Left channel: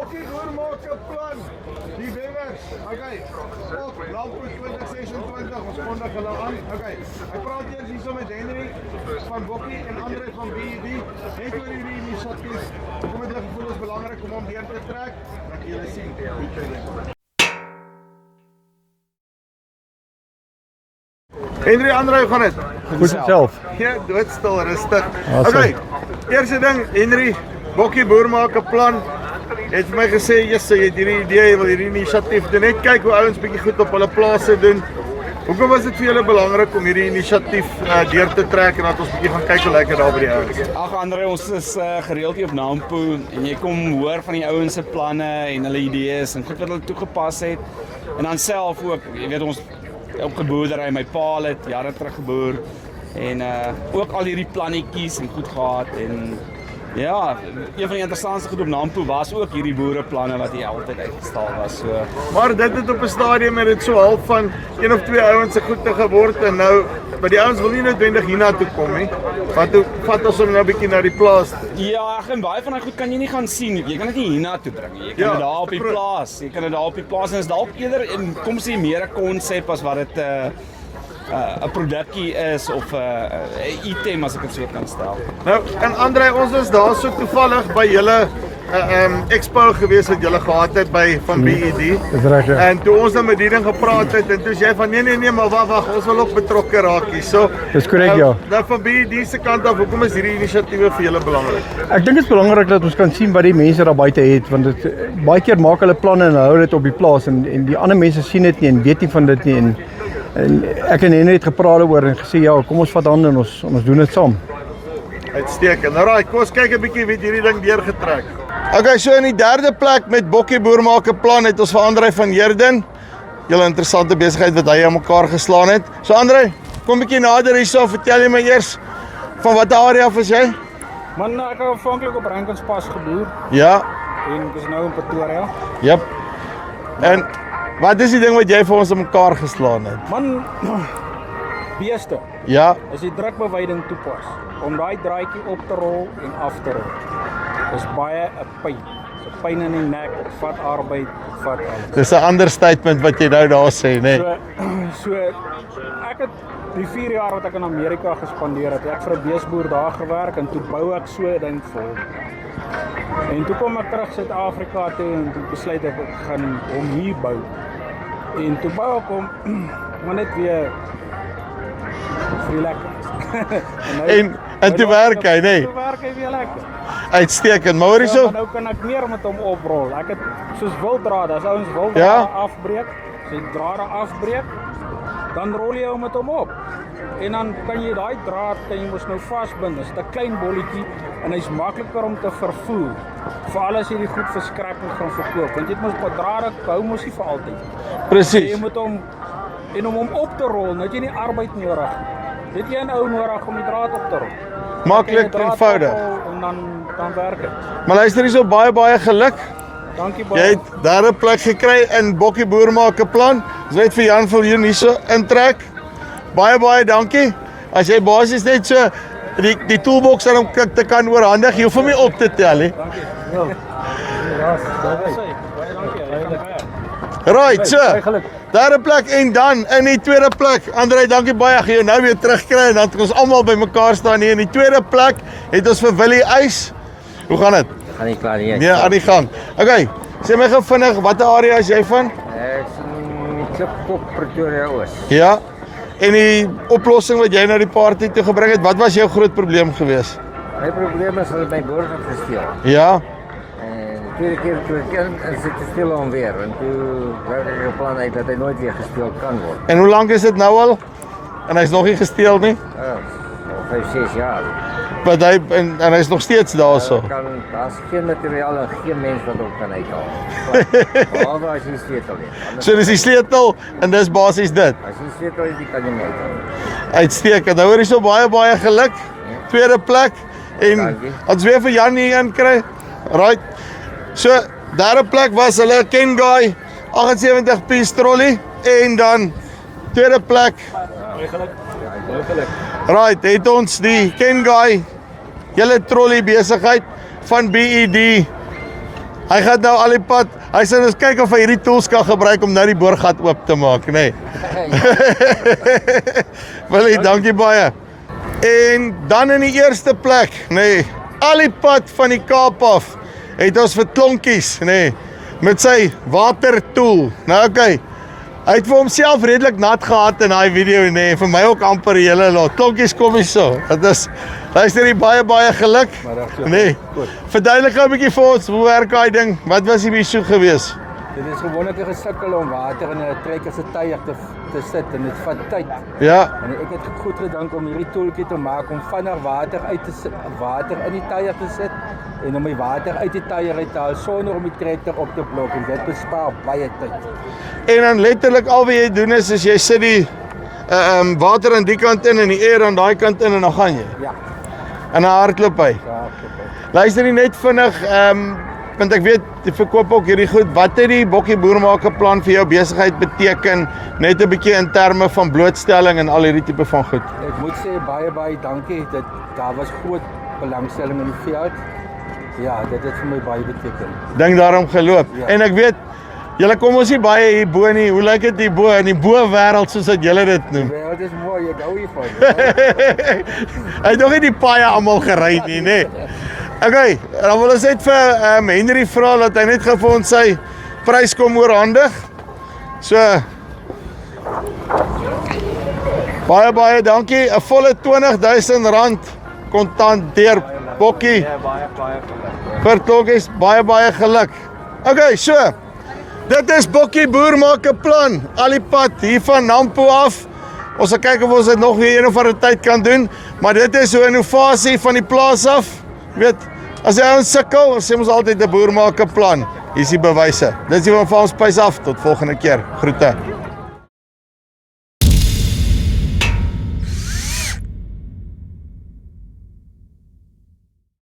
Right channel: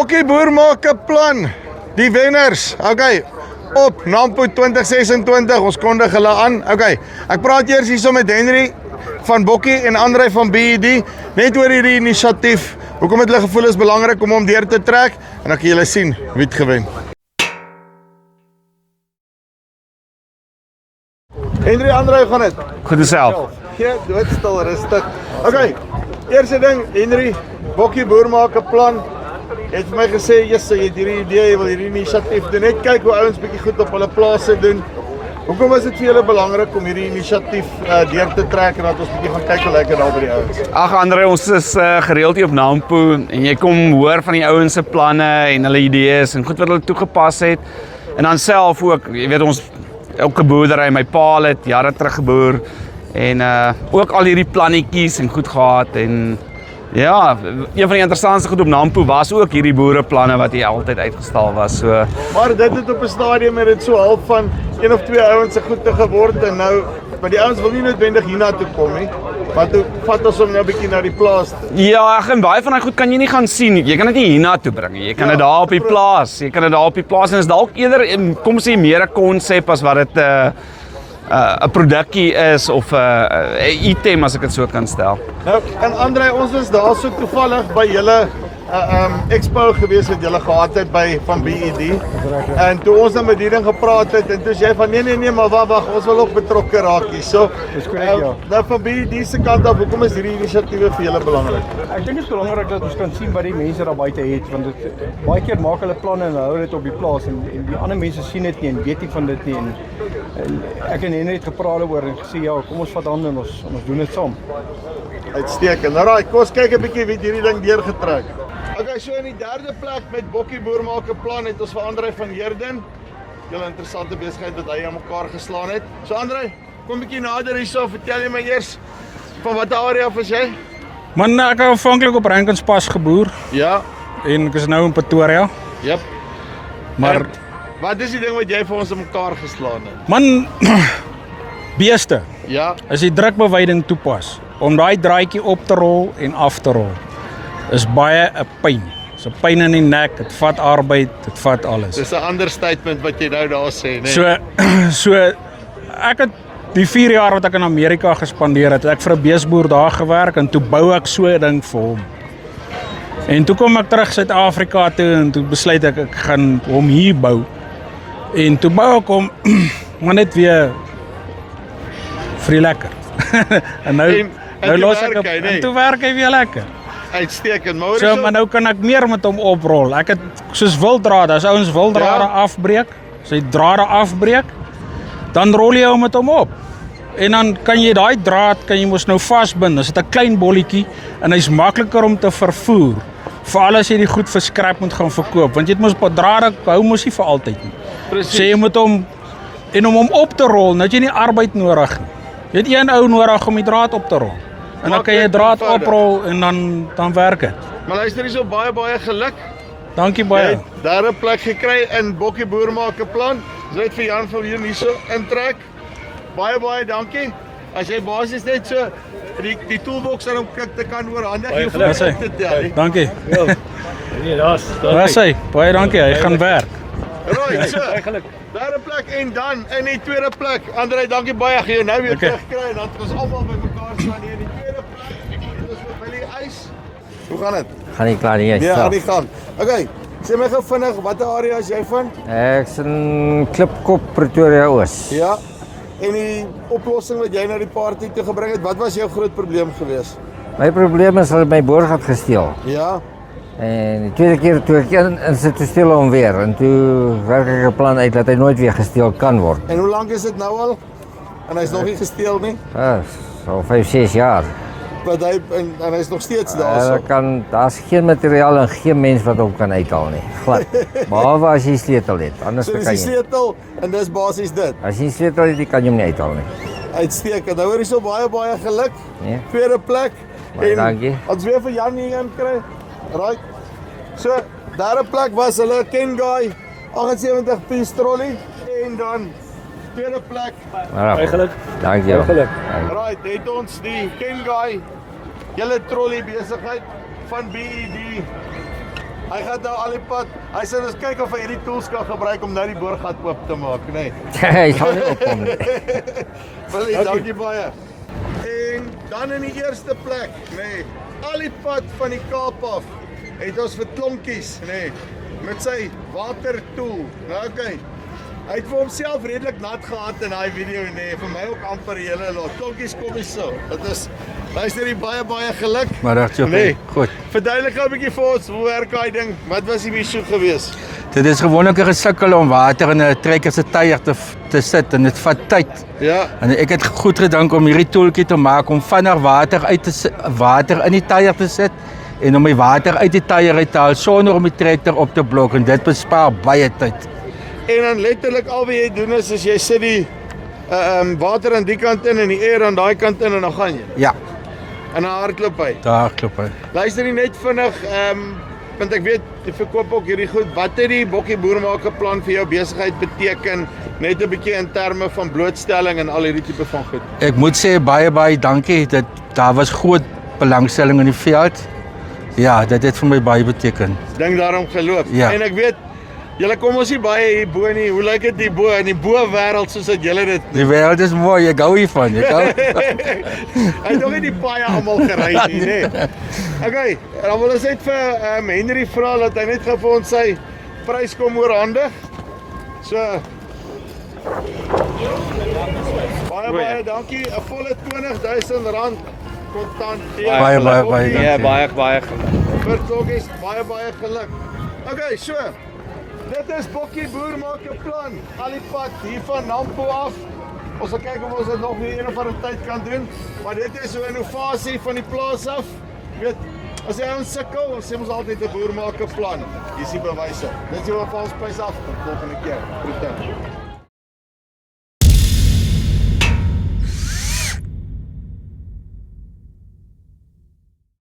Bokkie Boer maak 'n plan. Die wenners, okay, op Nampo 2026, ons kondig hulle aan. Okay, ek praat eers hierso met Henry van Bokkie en André van BED, net oor hierdie inisiatief. Hoekom het hulle gevoel is belangrik om hom deur te trek? En dan kan julle sien wie het gewen. Henry, André, hoe gaan dit? Goed self. Ja, doodstil, rustig. Okay, eerste ding, Henry, Bokkie Boer maak 'n plan. Het vir my gesê, jy het hierdie idee, jy wil hierdie inisiatief doen. Net kyk hoe ouens bietjie goed op hulle plase doen. Hoekom was dit vir julle belangrik om hierdie inisiatief deur te trek en dat ons bietjie gaan kyk hoe lekker daar by die ouens? Ag André, ons is gereeld hier op Nampo en jy kom hoor van die ouens se planne en hulle idees en goed wat hulle toegepas het. En dan self ook, jy weet ons elke boerdery, my pa het jare terug geboer en ook al hierdie plannetjies en goed gehad en ja, een van die interessantste goed op Nampo was ook hierdie boereplanne wat hier altyd uitgestal was. So. Maar dit het op 'n stadium met dit so half van een of twee ouens se goede geword en nou, maar die ouens wil nie noodwendig hiernatoe kom nie. Want toe vat ons hom nou 'n bietjie na die plaas toe. Ja, en baie van daai goed kan jy nie gaan sien nie. Jy kan dit nie hiernatoe bring nie. Jy kan dit daar op die plaas. Jy kan dit daar op die plaas en is dalk eerder kom sê meer 'n konsep as wat dit 'n produkkie is of 'n item as ek dit so kan stel. Nou, en André, ons was daar so toevallig by julle expo gewees wat julle gehad het by van BED. Dis reg. Ja. En toe ons dan met die ding gepraat het en toe sê jy van nee, maar wag, ons wil ook betrokke raak hier. So, Dis korrek, ja. Nou van BED se kant af, hoekom is hierdie inisiatiewe vir julle belangrik? Ek dink dit is belangrik dat ons kan sien wat die mense daar buite het, want dit baie keer maak hulle planne en hou dit op die plaas en die ander mense sien dit nie en weet nie van dit nie en ek en Henry het gepraat oor en gesê ja, kom ons vat hande en ons doen dit saam. Uitstekend. Nou kom ons kyk 'n bietjie wie hierdie ding deurgetrek. Okay, so in die derde plek met Bokkie Boer maak 'n plan het ons vir André van Heerden. Julle interessante besigheid wat hy aan mekaar geslaan het. So André, kom 'n bietjie nader hierso, vertel jy my eers van watter area is jy? Man, ek het aanvanklik op Rankinspas geboer Ja. en ek is nou in Pretoria. Jep. Maar En wat is die ding wat jy vir ons aan mekaar geslaan het? man, beeste, Ja. as jy drukbewyding toepas om daai draadjie op te rol en af te rol, is baie 'n pyn. Dis 'n pyn in die nek, dit vat arbeid, dit vat alles. Dis 'n understatement wat jy nou daar sê, né? So ek het die 4 jaar wat ek in Amerika gespandeer het, ek vir 'n beesboer daar gewerk en toe bou ek so 'n ding vir hom. En toe kom ek terug Suid-Afrika toe en toe besluit ek gaan hom hier bou. En toe bou ek hom maar net weer vir die lekker. en nou en toe los ek werk hy, nee. En toe werk hy weer lekker. Uitstekend. Maar hoor So, hierso. maar nou kan ek meer met hom oprol. Ek het soos wilddraad, as ouens wilddrade afbreek, as jy drade afbreek, dan rol jy hom met hom op. En dan kan jy daai draad kan jy mos nou vasbind. Dis 'n klein bolletjie en hy's makliker om te vervoer. Veral as jy die goed vir scrap moet gaan verkoop, want jy het mos op drade hou mos nie vir altyd nie. Presies. So jy moet hom en om hom op te rol, nou het jy nie arbeid nodig nie. Jy het een ou nodig om die draad op te rol. En dan Maak kan jy dit draad eenvoudig. oprol en dan werk dit. Maar luister hierso, baie geluk. Dankie Jy baie. het daar 'n plek gekry in Bokkie Boer maak 'n plan. Ons het vir Jan van hierso intrek. Baie dankie. As jy basies net so die toolbox aan hom te kan oorhandig, jy hoef hom nie op te tel nie. Dankie. Daar's hy. Baie dankie. Hy gaan werk. Right, so. Daar 'n plek en dan in die tweede plek. André, dankie baie. Ek gaan jou nou weer terugkry en dan het ons almal bymekaar staan hier in die tweede plek. Het ons vir Willie Eis. Hoe gaan dit? Gaan nie klaar nie. Nee, aan die gang. Okay. Sê my gou vinnig, watter area is jy van? Ek's in Klipkop, Pretoria Oos. Ja. En die oplossing wat jy na die party toe gebring het, wat was jou groot probleem geweest? My probleem is dat my boer gaat gesteel. Ja. En die tweede keer toe ek in sit te steel hom weer en toe werk ek 'n plan uit dat hy nooit weer gesteel kan word. En hoe lank is dit nou al? En hy's nog nie gesteel nie. Ja, so 5-6 jaar. Want hy en hy's nog steeds daarso. Daar's geen materiaal en geen mens wat hom kan uithaal nie. Glad. Behalwe as jy sleutel het. Anders So dis die sleutel en dis basies dit. As jy sleutel het, kan jy hom nie uithaal nie. Uitstekend. Nou hoor jy so baie geluk. Ja. Tweede plek. En Dankie. ons weer vir Jan hier in kry. Right. So, derde plek was hulle Kengai 78 piece trolley en dan tweede plek. Dankie. Right, het ons die Kengai julle trolley besigheid van BED Hy gaan nou al die pad. Hy sê ons kyk of hy hierdie tools kan gebruik om nou die boorgat oop te maak, nê. Willie, dankie baie. En dan in die eerste plek, nê, al die pad van die Kaap af het ons vir Klonkies, nê, met sy watertool. Nou okay. Hy het vir homself redelik nat gehad in daai video, nê, vir my ook amper die hele lot. Klonkies, kom hier so. Dit is luister jy baie geluk. Maar reg so. Nee. Goed. Verduidelik gou 'n bietjie vir ons, hoe werk daai ding? Wat was die issue gewees? Dit is gewoonlik 'n gesukkel om water in 'n trekker se tyre te sit en dit vat tyd. Ja. En ek het goed gedink om hierdie toeltjie te maak om vinnig water in die tyre te sit en om die water uit die tyre uit te haal sonder om die trekker op te blok en dit bespaar baie tyd. En dan letterlik al wat jy doen is jy sit die water aan die kant in en die air aan daai kant in en dan gaan jy. Ja, En dan hardloop hy. daar klop hy. Luister nie net vinnig, want ek weet jy verkoop ook hierdie goed. Wat het die Bokkie Boermaker plan vir jou besigheid beteken? Net 'n bietjie in terme van blootstelling en al hierdie tipe van goed. Ek moet sê baie dankie. Daar was groot belangstelling in die veld. Ja, dit het vir my baie beteken. Ding daarom geloop. Ja. En ek weet julle kom ons nie baie hier bo nie. Hoe lyk dit hier bo in die bo wêreld soos wat julle dit Die noem? wêreld is mooi, ek hou hiervan. Hy het nog nie die paaie almal gery nie, né? Okay, dan wil ons net vir Henry vra dat hy net gou vir ons sy prys kom oorhandig. So baie dankie. 'n volle R20,000 kontant deur Baie, Bokkie. Ja, baie geluk. Vir Klokkies baie geluk. Okay, so dit is Bokkie Boermaker plan. Al die pad hier van Nampo af. Ons sal kyk of ons dit nog weer een of ander tyd kan doen, maar dit is so 'n innovasie van die plaas af. Jy weet, as jy ons sukkel, ons sê ons altyd 'n Boermaker plan. Hier is die bewyse. Dis die van ons spys af tot volgende keer. Groete.